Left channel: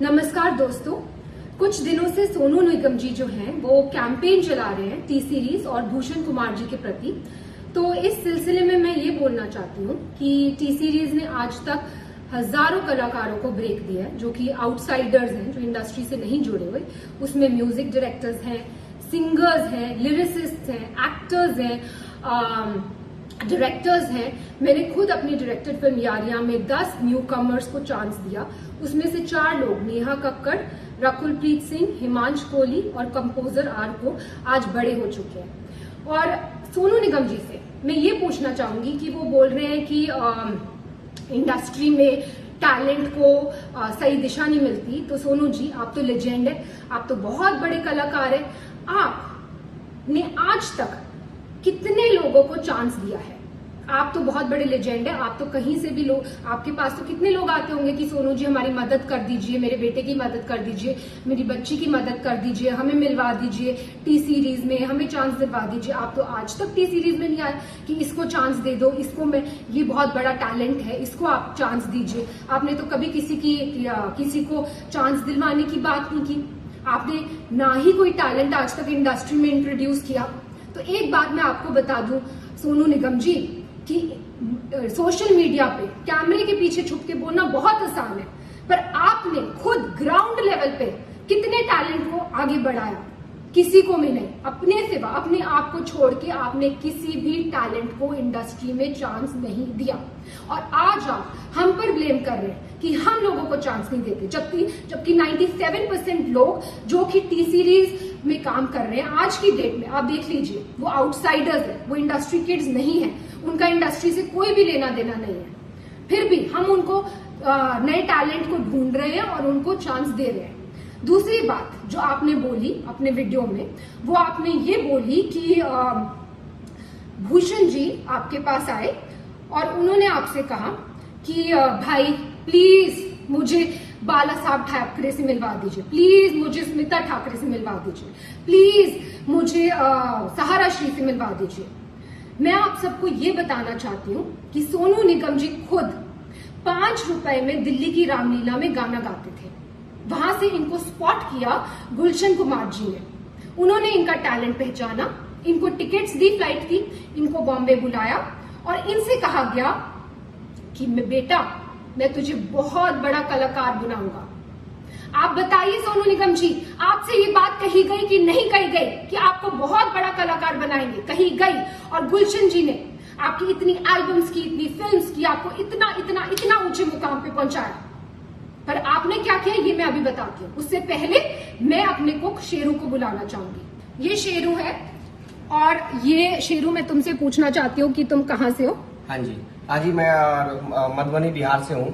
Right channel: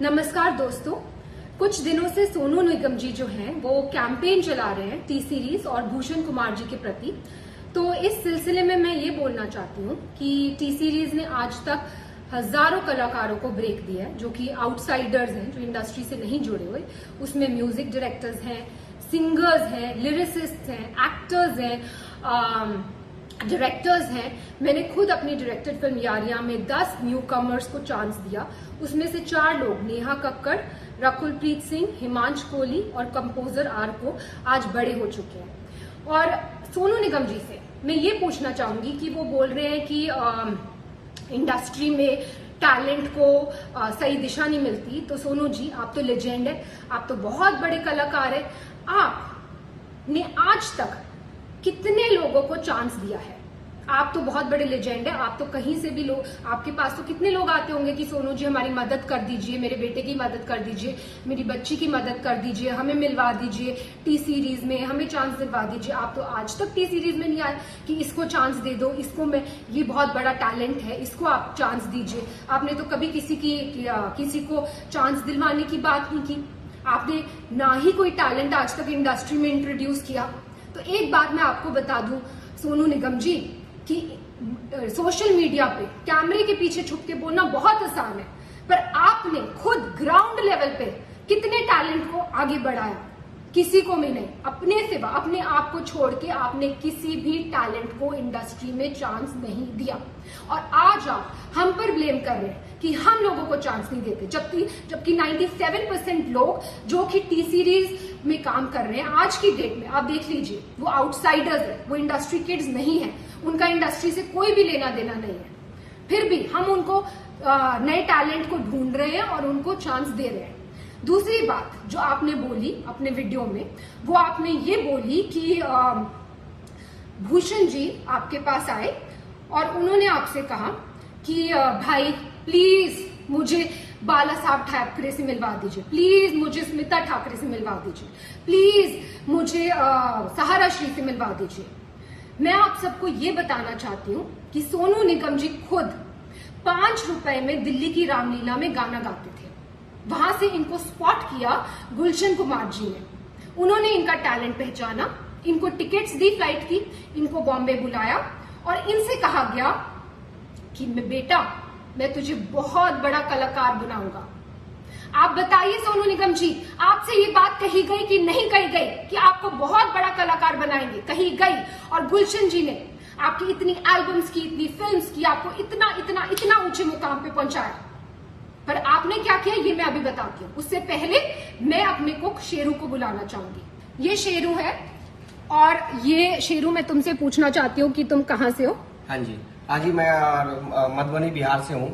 नमस्कार दोस्तों, कुछ दिनों से सोनू निगम जी जो हैं वो कैंपेन चला रहे हैं टी सीरीज और भूषण कुमार जी के प्रति। तो इस सिलसिले में मैं ये बोलना चाहती हूँ कि टी सीरीज ने आज तक हजारों कलाकारों को ब्रेक दिया है, जो कि आउटसाइडर्स हैं, जो इंडस्ट्री से नहीं जुड़े हुए। उसमें म्यूजिक डायरेक्टर्स हैं, सिंगर्स हैं, लिरिसिस्ट हैं, एक्टर्स हैं, डायरेक्टर्स हैं। मैंने खुद अपनी डायरेक्टेड फिल्म यारियां में 10 न्यू कमर्स को चांस दिया। उसमें से 4 लोग, नेहा कक्कड़, रकुलप्रीत सिंह, हिमांश कोहली और कंपोजर आर को आज बड़े हो चुके हैं। और सोनू निगम जी से मैं ये पूछना चाहूंगी कि वो बोल रहे हैं कि इंडस्ट्री में टैलेंट को सही दिशा नहीं मिलती। तो सोनू जी, आप तो लेजेंड है, आप तो बहुत बड़े कलाकार है। आपने आज तक कितने लोगों को चांस दिया है? आप तो बहुत बड़े लेजेंड है, आप तो कहीं से भी लोग, आपके पास तो कितने लोग आते होंगे कि सोनू जी हमारी मदद कर दीजिए, मेरे बेटे की मदद कर दीजिए, मेरी बच्ची की मदद कर दीजिए, हमें मिलवा दीजिए टी सीरीज में, हमें चांस दिलवा दीजिए। आप तो आज तक टी सीरीज में नहीं आए कि इसको चांस दे दो, इसको मैं, ये बहुत बड़ा टैलेंट है, इसको आप चांस दीजिए। आपने तो कभी किसी को चांस दिलवाने की बात नहीं की। आपने ना ही कोई टैलेंट आज तक इंडस्ट्री में इंट्रोड्यूस किया। तो एक बात मैं आपको बता दूं सोनू निगम जी, कि सोशल मीडिया पे कैमरे के पीछे छुप के बोलना बहुत आसान है, पर आपने खुद ग्राउंड लेवल पे कितने टैलेंट को आगे बढ़ाया? किसी को भी नहीं। अपने सिवा, अपने आप को छोड़ के आपने किसी भी टैलेंट को इंडस्ट्री में चांस नहीं दिया। और आज आप हम पर ब्लेम कर रहे हैं कि हम लोगों को चांस नहीं देते, जबकि 97% लोग जो कि टी सीरीज में काम कर रहे हैं आज की डेट में, आप देख लीजिए, वो आउटसाइडर्स है, वो इंडस्ट्री किड्स नहीं है, उनका इंडस्ट्री से कोई भी लेना देना नहीं है। फिर भी हम उनको नए टैलेंट को ढूंढ रहे हैं और उनको चांस दे रहे हैं। दूसरी बात जो आपने बोली अपने वीडियो में, वो आपने ये बोली कि भूषण जी आपके पास आए और उन्होंने आपसे कहा कि भाई प्लीज मुझे बाला साहब ठाकरे से मिलवा दीजिए, प्लीज मुझे स्मिता ठाकरे से मिलवा दीजिए, प्लीज मुझे सहारा श्री से मिलवा दीजिए। मैं आप सबको ये बताना चाहती हूँ कि सोनू निगम जी खुद 5 रुपए में दिल्ली की रामलीला में गाना गाते थे। वहां से इनको स्पॉट किया गुलशन कुमार जी ने। उन्होंने इनका टैलेंट पहचाना, इनको टिकट्स दी फ्लाइट की, इनको बॉम्बे बुलाया और इनसे कहा गया कि बेटा मैं तुझे बहुत बड़ा कलाकार बनाऊंगा। आप बताइए सोनू निगम जी, आपसे ये बात कही गई कि नहीं कही गई कि आपको बहुत बड़ा कलाकार बनाएंगे? कही गई। और गुलशन जी ने आपकी इतनी एल्बम्स की, इतनी फिल्म्स की, आपको इतना इतना इतना ऊंचे मुकाम पे पहुंचाया। पर आपने क्या किया ये मैं अभी बताती हूँ। उससे पहले मैं अपने कुक शेरू को बुलाना चाहूंगी। ये शेरू है और ये शेरू, मैं तुमसे पूछना चाहती हूँ कि तुम कहाँ से हो? हाँ जी, मैं मधुबनी बिहार से हूँ।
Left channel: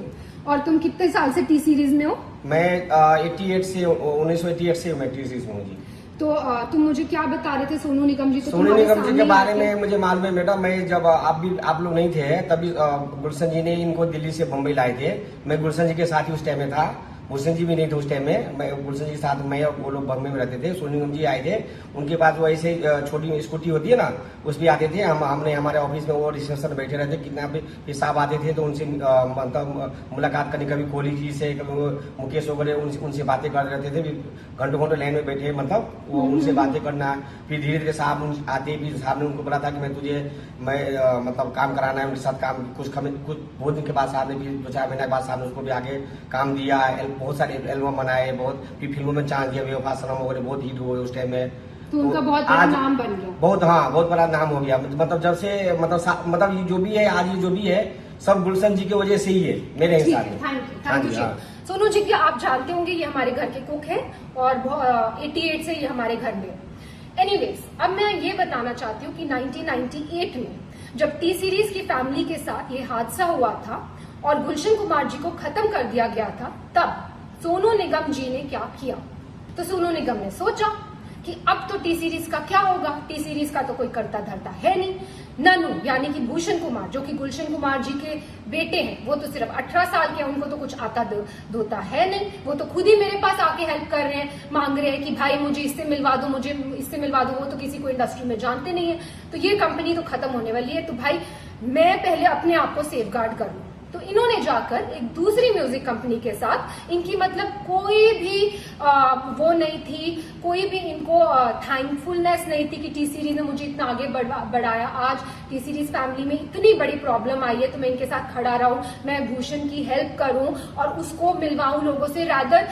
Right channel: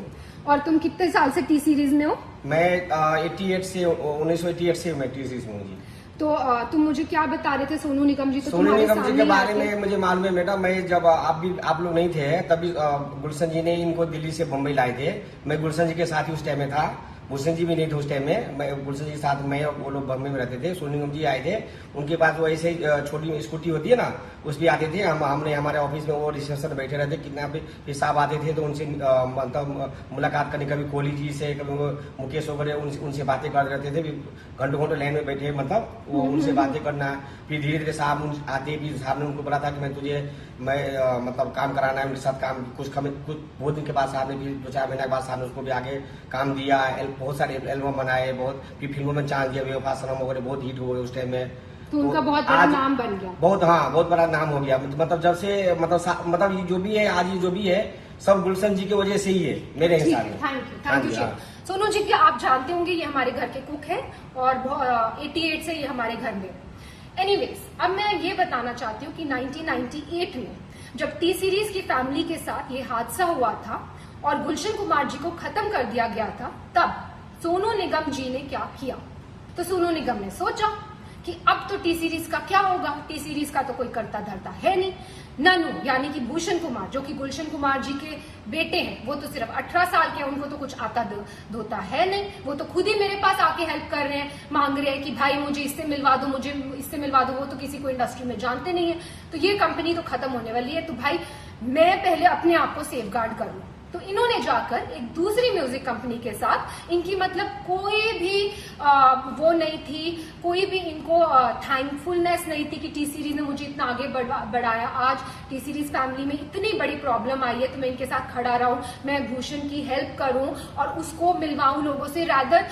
और तुम कितने साल से टी सीरीज में हो? मैं 1988 से मैं टी सीरीज में हूँ जी। तो तुम मुझे क्या बता रहे थे सोनू निगम जी? सोनू निगम जी के बारे में मुझे मालूम है बेटा। मैं जब आप लोग नहीं थे तभी गुलशन जी ने इनको दिल्ली से बम्बई लाए थे। मैं गुलशन जी के साथ ही उस टाइम में था, भूषण जी भी नहीं थे उस टाइम में। मैं गुलशन जी के साथ, मैं वो लोग बम्बई में रहते थे। सोनू निगम जी आए थे, उनके पास वो ऐसे छोटी स्कूटी होती है ना, उस भी आते थे। हमने हमारे ऑफिस में वो रिसेप्शन में बैठे रहते, कितना भी हिसाब आते थे तो उनसे मतलब मुलाकात करनी, कभी कोहली जी से, कभी मुकेश वगैरह, उनसे बातें करते रहते थे। घंटों घंटों लाइन में बैठे, मतलब वो उनसे बातें करना। फिर धीरे धीरे साहब आते, फिर साहब ने उनको बोला था कि मैं मतलब काम कराना है उनके साथ। काम कुछ बहुत दिन के बाद साहब ने, फिर 2-4 महीने के बाद साहब ने उसको भी आगे काम दिया। बहुत सारे एल्बम बनाए, बहुत फिर फिल्मों में चांस दिया, बेवफा सनम वगैरह बहुत हिट हुए उस टाइम में। तो उनका बहुत बड़ा नाम बन गया। बहुत बड़ा नाम हो गया। मतलब जब से मतलब ये जो भी है आज, ये जो भी है सब गुलशन जी की वजह से ही है मेरे हिसाब में। हाँ जी। सोनू जी की आप जानते होंगे, ये हमारे घर के कुक हैं और 88 से ये हमारे घर में। एनीवेज, अब मैं ये बताना चाहती हूँ कि 1998 में जब टी सीरीज की फैमिली के साथ ये हादसा हुआ था और गुलशन कुमार जी को खत्म कर दिया गया था, तब सोनू निगम जी ने क्या किया? तो सोनू निगम ने सोचा कि अब तो टी सीरीज का क्या होगा, टी सीरीज का तो कोई करता धरता है नहीं। ननू यानी कि भूषण कुमार, जो कि गुलशन कुमार जी के बेटे हैं, वो तो सिर्फ 18 साल के हैं, उनको तो कुछ आता धोता है नहीं। वो तो खुद ही मेरे पास आके हेल्प कर रहे हैं, मांग रहे हैं कि भाई मुझे इससे मिलवा दो, मुझे इससे मिलवा दो। वो तो किसी को इंडस्ट्री में जानते नहीं है। तो ये कंपनी तो खत्म होने वाली है, तो भाई मैं पहले अपने आप को सेफ गार्ड कर लूं। तो इन्होंने जाकर एक दूसरी म्यूजिक कंपनी के साथ, इनकी मतलब कोई भी वो नहीं थी, कोई भी इनको थैंकफुलनेस नहीं थी कि टी सीरीज ने मुझे इतना आगे बढ़ाया, आज टी सीरीज फैमिली में इतनी बड़ी प्रॉब्लम आई है तो मैं इनके साथ खड़ा रहूं, मैं भूषण की हेल्प करूं और उसको मिलवाऊं लोगों से। रादर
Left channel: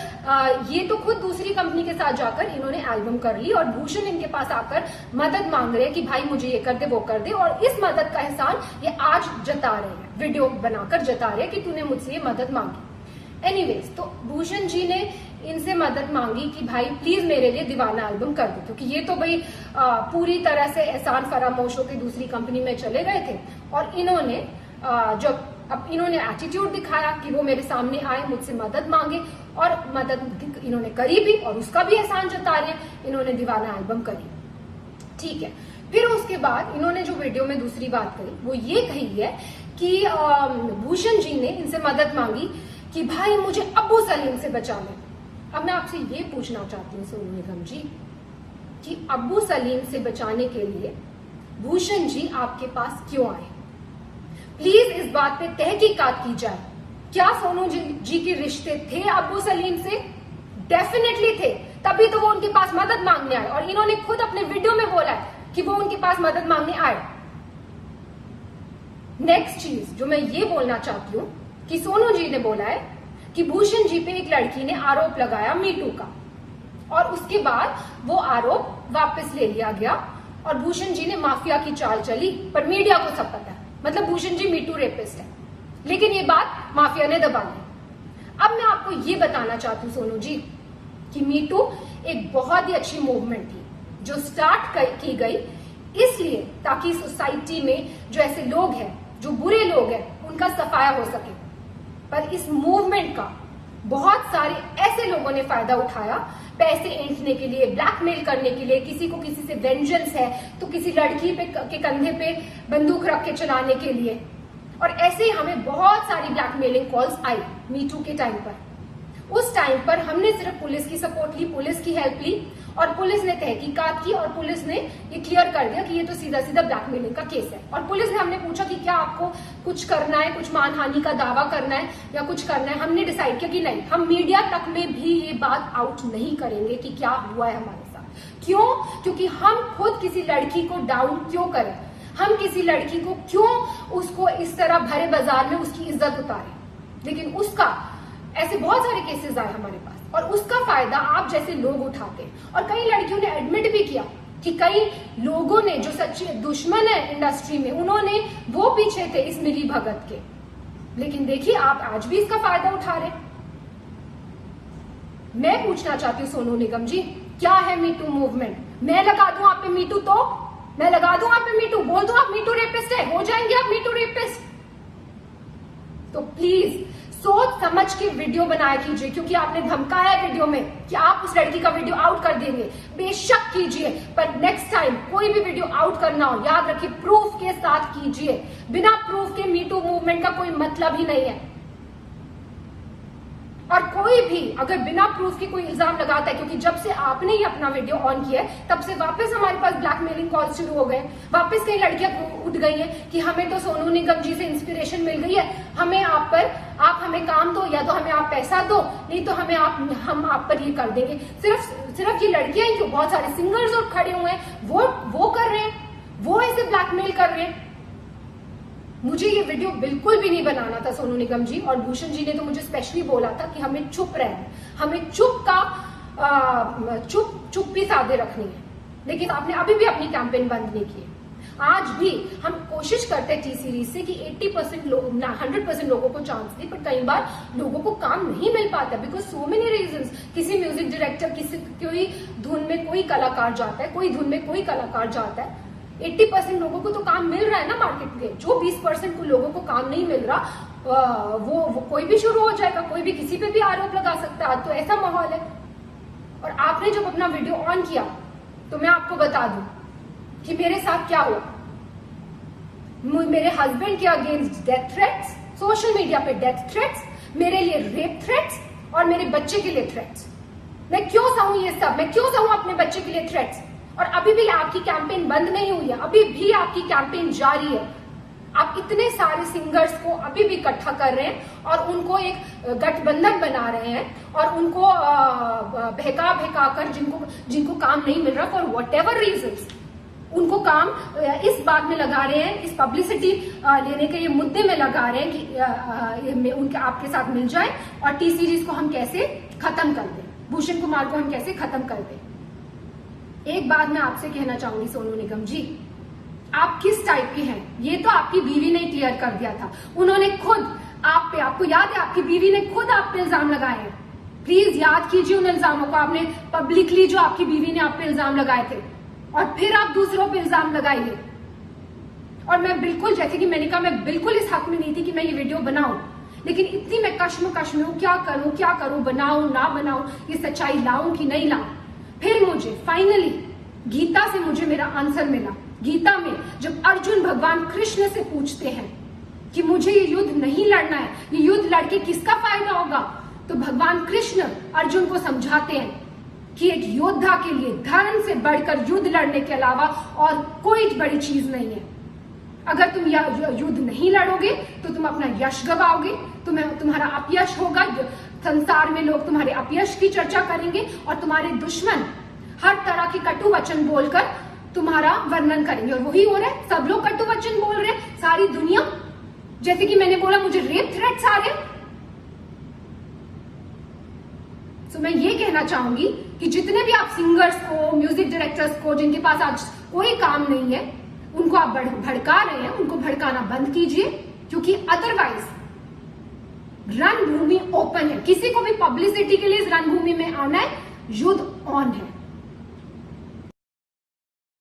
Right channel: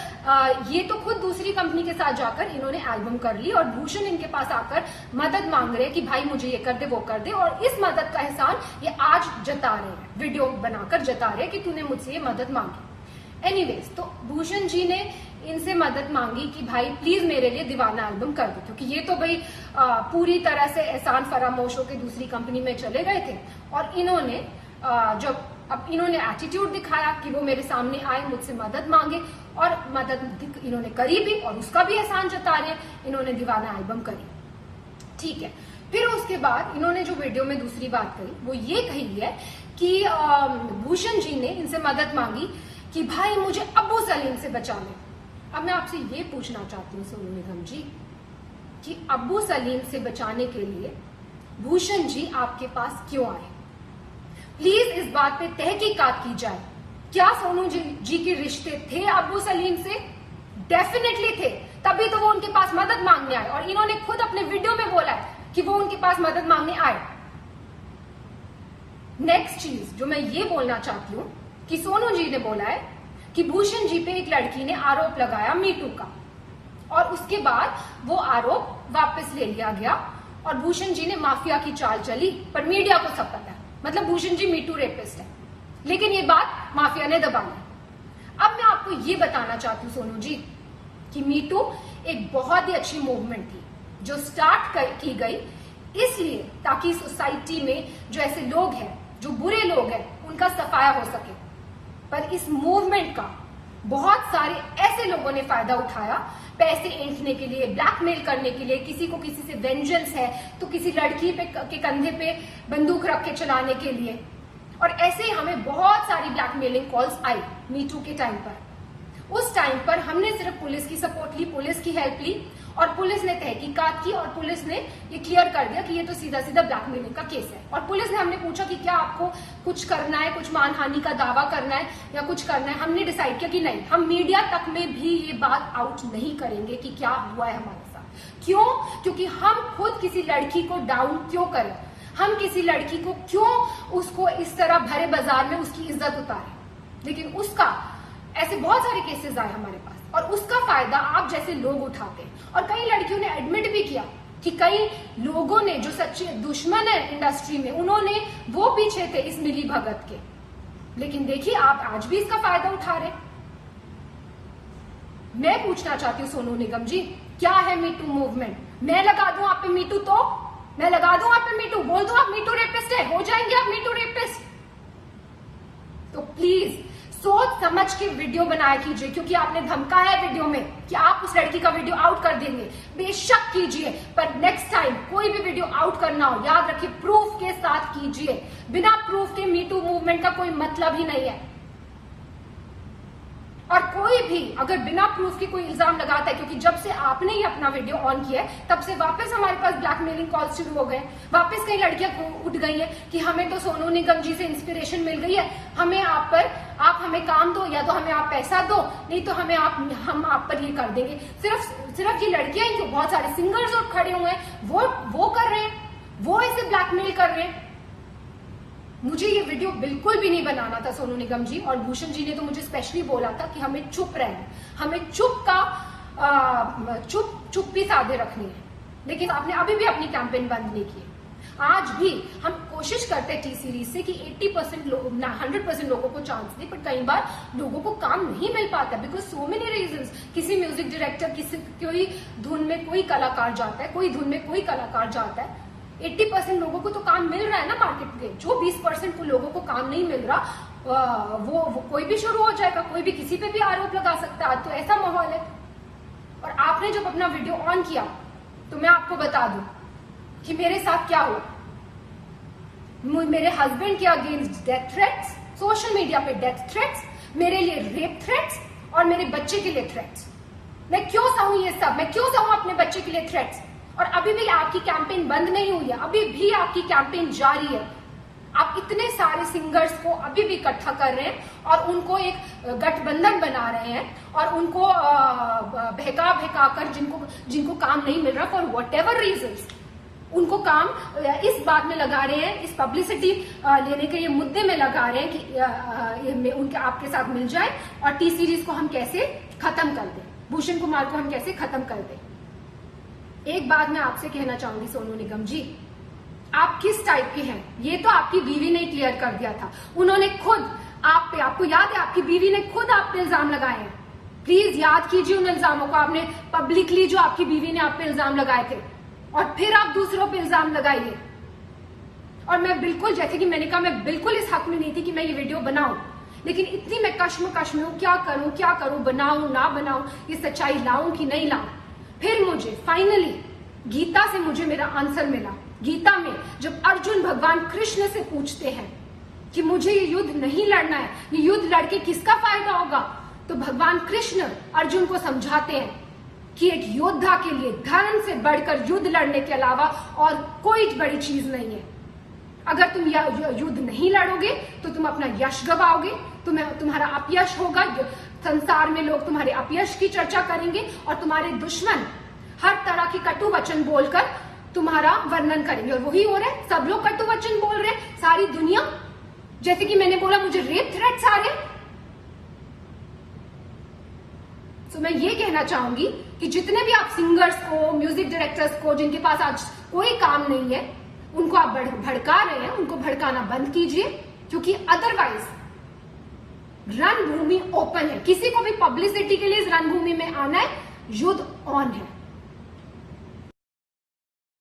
ये तो खुद दूसरी कंपनी के साथ जाकर इन्होंने एल्बम कर ली और भूषण इनके पास आकर मदद मांग रहे हैं कि भाई मुझे ये कर दे वो कर दे, और इस मदद का एहसान ये आज जता रहे हैं, वीडियो बनाकर जता रहे हैं कि तूने मुझसे ये मदद मांगी। एनीवेज, तो भूषण जी ने इनसे मदद मांगी कि भाई प्लीज मेरे लिए दीवाना एल्बम कर दो, क्योंकि ये तो भाई पूरी तरह से एहसान फरामोश होकर दूसरी कंपनी में चले गए थे। और इन्होंने जब अब इन्होंने एटीट्यूड दिखाया कि वो मेरे सामने आए, मुझसे मदद मांगे, और मदद इन्होंने करी भी और उसका भी एहसान जता रहे हैं, इन्होंने दीवाना एल्बम करी। ठीक है, फिर उसके बाद इन्होंने जो वीडियो में दूसरी बात कही वो ये कही है कि भूषण जी ने इनसे मदद मांगी कि भाई मुझे अब्बू सलीम से बचा ले। अब मैं आपसे ये पूछना चाहती हूँ सोनू निगम जी कि अब्बू सलीम से बचाने के लिए भूषण जी आपके पास क्यों आए? प्लीज इस बात पे तहकीकात की जाए। क्या सोनू जी के रिश्ते थे अब्बू सलीम से? डेफिनेटली थे, तभी तो वो उनके पास मदद मांगने आए, और इन्होंने खुद अपने वीडियो में बोला है कि वो उनके पास मदद मांगने आए। नेक्स्ट चीज जो मैं ये बोलना चाहती हूँ कि सोनू जी ने बोला है कि भूषण जी पे एक लड़की ने आरोप लगाया मीटू का, और उसके बाद वो आरोप वापस ले लिया गया और भूषण जी ने माफिया की चाल चली, पर मीडिया को सब पता है, मतलब भूषण जी मीटू रेपिस्ट है, लेकिन ये बात माफिया ने दबा ली। अब मैं आपको ये बताना चाहती हूँ सोनू जी कि मीटू एक बहुत ही अच्छी मूवमेंट थी जो स्टार्ट की गई इसलिए ताकि सोसाइटी में जो ऐसे लोग हैं, जो बुरे लोग हैं, उनका सफाया हो सके। पर इस मूवमेंट का बहुत सारे ऐसे लोगों ने फायदा उठाया, पैसे ऐंठने के लिए, ब्लैकमेल करने के लिए, किसी को किसी से वेंजेंस है तो किसी लड़की के कंधे पे बंदूक रख के चलाने के लिए, और ऐसे ही हमें बहुत सारी ब्लैकमेलिंग कॉल्स आई मीटू के टाइम पर। उस टाइम पर हमने सिर्फ पुलिस की सपोर्ट ली, पुलिस की हेल्प ली, और पुलिस ने तहकीकात की और पुलिस ने ये क्लियर कर दिया कि ये तो सीधा सीधा ब्लैकमेलिंग का केस है। और पुलिस ने, हमने पूछा कि क्या आपको कुछ करना है, कुछ मानहानि का दावा करना है या कुछ करना है, हमने डिसाइड किया कि नहीं, हम मीडिया तक में भी ये बात आउट नहीं करेंगे कि क्या हुआ है हमारे साथ। क्यों? क्योंकि हम खुद किसी लड़की को डाउन क्यों करें, हम किसी लड़की को क्यों उसको इस तरह भरे बाजार में उसकी इज्जत उतारें। लेकिन उसका ऐसे बहुत सारे केसेस आए हमारे पास, और उसका फायदा आप जैसे लोग उठाते। और कई लड़कियों ने एडमिट भी किया कि कई लोगों ने, जो सच्चे दुश्मन है इंडस्ट्री में, उन्होंने वो पीछे थे इस मिली भगत के, लेकिन देखिए आप आज भी इसका फायदा उठा रहे। मैं पूछना चाहती हूँ सोनू निगम जी, क्या है मीटू मूवमेंट? मैं लगा दूं आप पे मीटू, तो मैं लगा दूं आप पे मीटू, बोल दो आप मीटू रेपिस्ट है, हो जाएंगे आप मीटू रेपिस्ट। तो प्लीज सोच समझ के वीडियो बनाया कीजिए, क्योंकि आपने धमकाया वीडियो में कि आप उस लड़की का वीडियो आउट कर देंगे, बेशक कीजिए, पर नेक्स्ट टाइम कोई भी वीडियो आउट करना हो, याद रखिए प्रूफ के साथ कीजिए। बिना प्रूफ के मीटू मूवमेंट का कोई मतलब ही नहीं है। और कोई भी अगर बिना प्रूफ की कोई इल्जाम लगाता है, क्योंकि जब से आपने ही अपना वीडियो ऑन किया है तब से वापस हमारे पास ब्लैकमेलिंग कॉल शुरू हो गए, वापस कई लड़कियां उठ गई हैं कि हमें तो सोनू निगम जी से इंस्पिरेशन मिल गई है, हमें आप हमें काम दो, या तो हमें आप पैसा दो, नहीं तो हम आप पर ये कर देंगे। सिर्फ ये लड़कियां ही क्यों, बहुत सारे सिंगर्स और खड़े हुए हैं, वो कर रहे हैं, वो ऐसे ब्लैकमेल कर रहे हैं। मुझे ये वीडियो बिल्कुल भी नहीं बनाना था सोनू निगम जी, और भूषण जी ने तो मुझे स्पेशली बोला था कि हमें चुप रहना, हमें चुप्पी साधे रखनी है, लेकिन आपने अभी भी अपनी कैंपेन बंद नहीं की है। आज भी हम कोशिश करते हैं टी सीरीज से कि 80% लोग, 100% लोगों को चांस दे, पर कई बार लोगों को काम नहीं मिल पाता बिकॉज सो मेनी रीजंस। किसी म्यूजिक डायरेक्टर, कोई धुन में कोई कलाकार जाता है, कोई धुन में कोई कलाकार जाता है। 80% लोगों को तो काम मिल रहा है ना मार्केट में, जो 20% को लोगों को काम नहीं मिल रहा वो कोई भी शुरू हो जाएगा, कोई भी किसी पे भी आरोप लगा सकता है। तो ऐसा माहौल है। और आपने जब अपना वीडियो ऑन किया तो मैं आपको बता दूं कि मेरे साथ क्या हुआ। मेरे हस्बैंड के against death threats, social media पे डेथ थ्रेट्स, मेरे लिए रेप थ्रेट्स और मेरे बच्चे के लिए थ्रेट्स। मैं क्यों सहूं ये सब, मैं क्यों सहूं अपने बच्चे के लिए थ्रेट्स? और अभी भी आपकी कैंपेन बंद नहीं हुई है, अभी भी आपकी कैंपेन जारी है। आप इतने सारे सिंगर्स को अभी भी इकट्ठा कर रहे हैं और उनको एक गठबंधन बना रहे हैं और उनको बहका कर जिनको काम नहीं मिल रहा फॉर वट एवर रीजन, उनको काम इस बात में लगा रहे हैं, इस पब्लिसिटी लेने के ये मुद्दे में लगा रहे हैं कि उनके आपके साथ मिल जाए और टी सीरीज को हम कैसे खत्म कर दें, भूषण कुमार को हम कैसे खत्म कर दें। एक बात मैं आपसे कहना चाहूंगी सोनू निगम जी, आप किस टाइप की हैं ये तो आपकी बीवी ने क्लियर कर दिया था। उन्होंने खुद आप पे, आपको याद है, आपकी बीवी ने खुद आप पे इल्जाम लगाए हैं। प्लीज याद कीजिए उन इल्जामों को, आपने पब्लिकली जो आपकी बीवी ने आप पे इल्जाम लगाए थे और फिर आप दूसरों पे इल्जाम लगाइए। और मैं बिल्कुल, जैसे कि मैंने कहा, मैं बिल्कुल इस हक में नहीं थी कि मैं ये वीडियो बनाऊं, लेकिन इतनी मैं कश्मकश में हूं, क्या करूं, बनाऊं ना बनाऊं, ये सच्चाई लाऊं कि नहीं लाऊं। फिर मुझे फाइनली गीता से मुझे मेरा आंसर मिला। गीता में जब अर्जुन भगवान कृष्ण से पूछते हैं कि मुझे ये युद्ध नहीं लड़ना है, ये युद्ध लड़के किसका फायदा होगा, तो भगवान कृष्ण अर्जुन को समझाते हैं कि एक योद्धा के लिए धर्म से बढ़कर युद्ध लड़ने के अलावा और कोई बड़ी चीज नहीं है। अगर तुम युद्ध नहीं लड़ोगे तो तुम अपना यश गवाओगे, तुम्हारा अपयश होगा, संसार में लोग तुम्हारे अपयश की चर्चा करेंगे और तुम्हारे दुश्मन हर तरह के कटु वचन बोलकर तुम्हारा वर्णन करेंगे। और वही हो रहा है, सब लोग कटु वचन बोल रहे हैं, सारी दुनिया। जैसे कि मैंने बोला, मुझे रेप थ्रेट्स आ रहे हैं। तो मैं ये कहना चाहूंगी कि जितने भी आप सिंगर्स को, म्यूजिक डायरेक्टर्स को, जिनके पास आज कोई काम नहीं है, उनको आप भड़का रहे हैं, उनको भड़काना बंद कीजिए, क्योंकि अदरवाइज रणभूमि ओपन है। किसी को भी पब्लिसिटी के लिए इस रणभूमि में आना है, युद्ध ऑन है।